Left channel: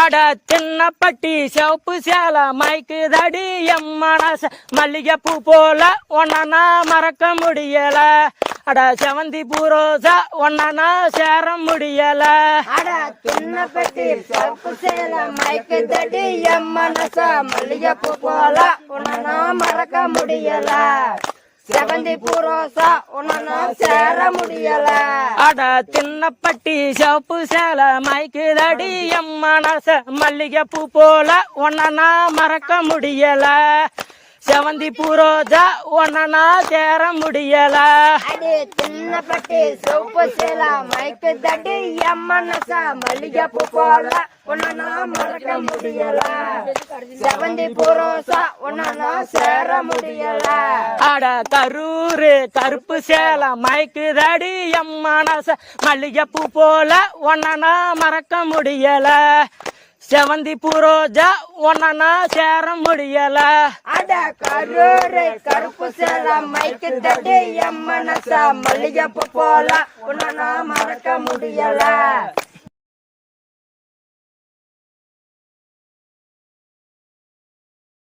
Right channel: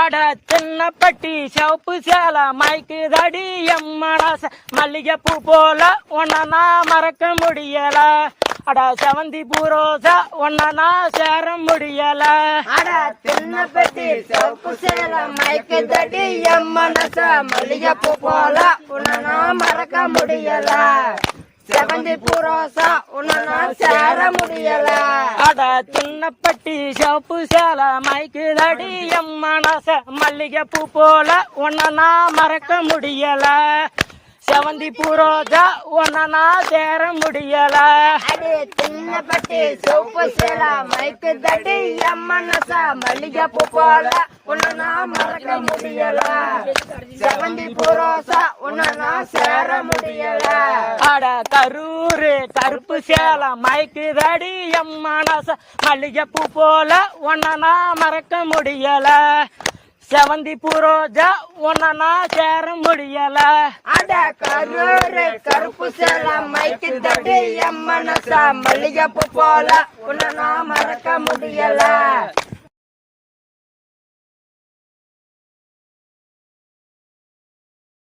அட சின்னப்பட்டி சிவப்பு சேல மைக்கு தடி எம் மனச மல்லிகைப்பூ போல ஒன்னா மறக்க முடியல. அட செவந்தி பூரோசா ஒன்னா சேர முடியல. அட தின்ன பெட்டி சிவப்பு சேல மயக்க தடி என் மனச மல்லிகைப்பூ போல உன்னை நான் மறக்க முடியல. பூரோசா உன்னை நான் சேர முடியல. அட தின்னப்பட்டி சிவப்பு சேல மைக்கு தடி எம் மனச மல்லிகைப்பூ போல ஒன்னா மறக்க முடியல. செவந்தி பூரோஜா ஒன்னா சேர முடியல. அடி தின்ன பெட்டி சிவப்பு சேல மயக்க தடி என் மனச மல்லிகைப்பூ போல உன்னை மறக்க முடியல. செவந்தி பூரோசா உன்னை நான் சேர முடியல. அட கரூரு கருப்பு சேல மைக்கு தடி எம் மனச மல்லிகைப்பூ போல ஒன்னா மறக்க முடியல. செவந்தி பூரோஜா ஒன்னா சேர முடியல. அட கரூரு கருப்பு சேல மைக்கு தடி மனச மல்லிகைப்பூ போல நான் மறக்க முடியல.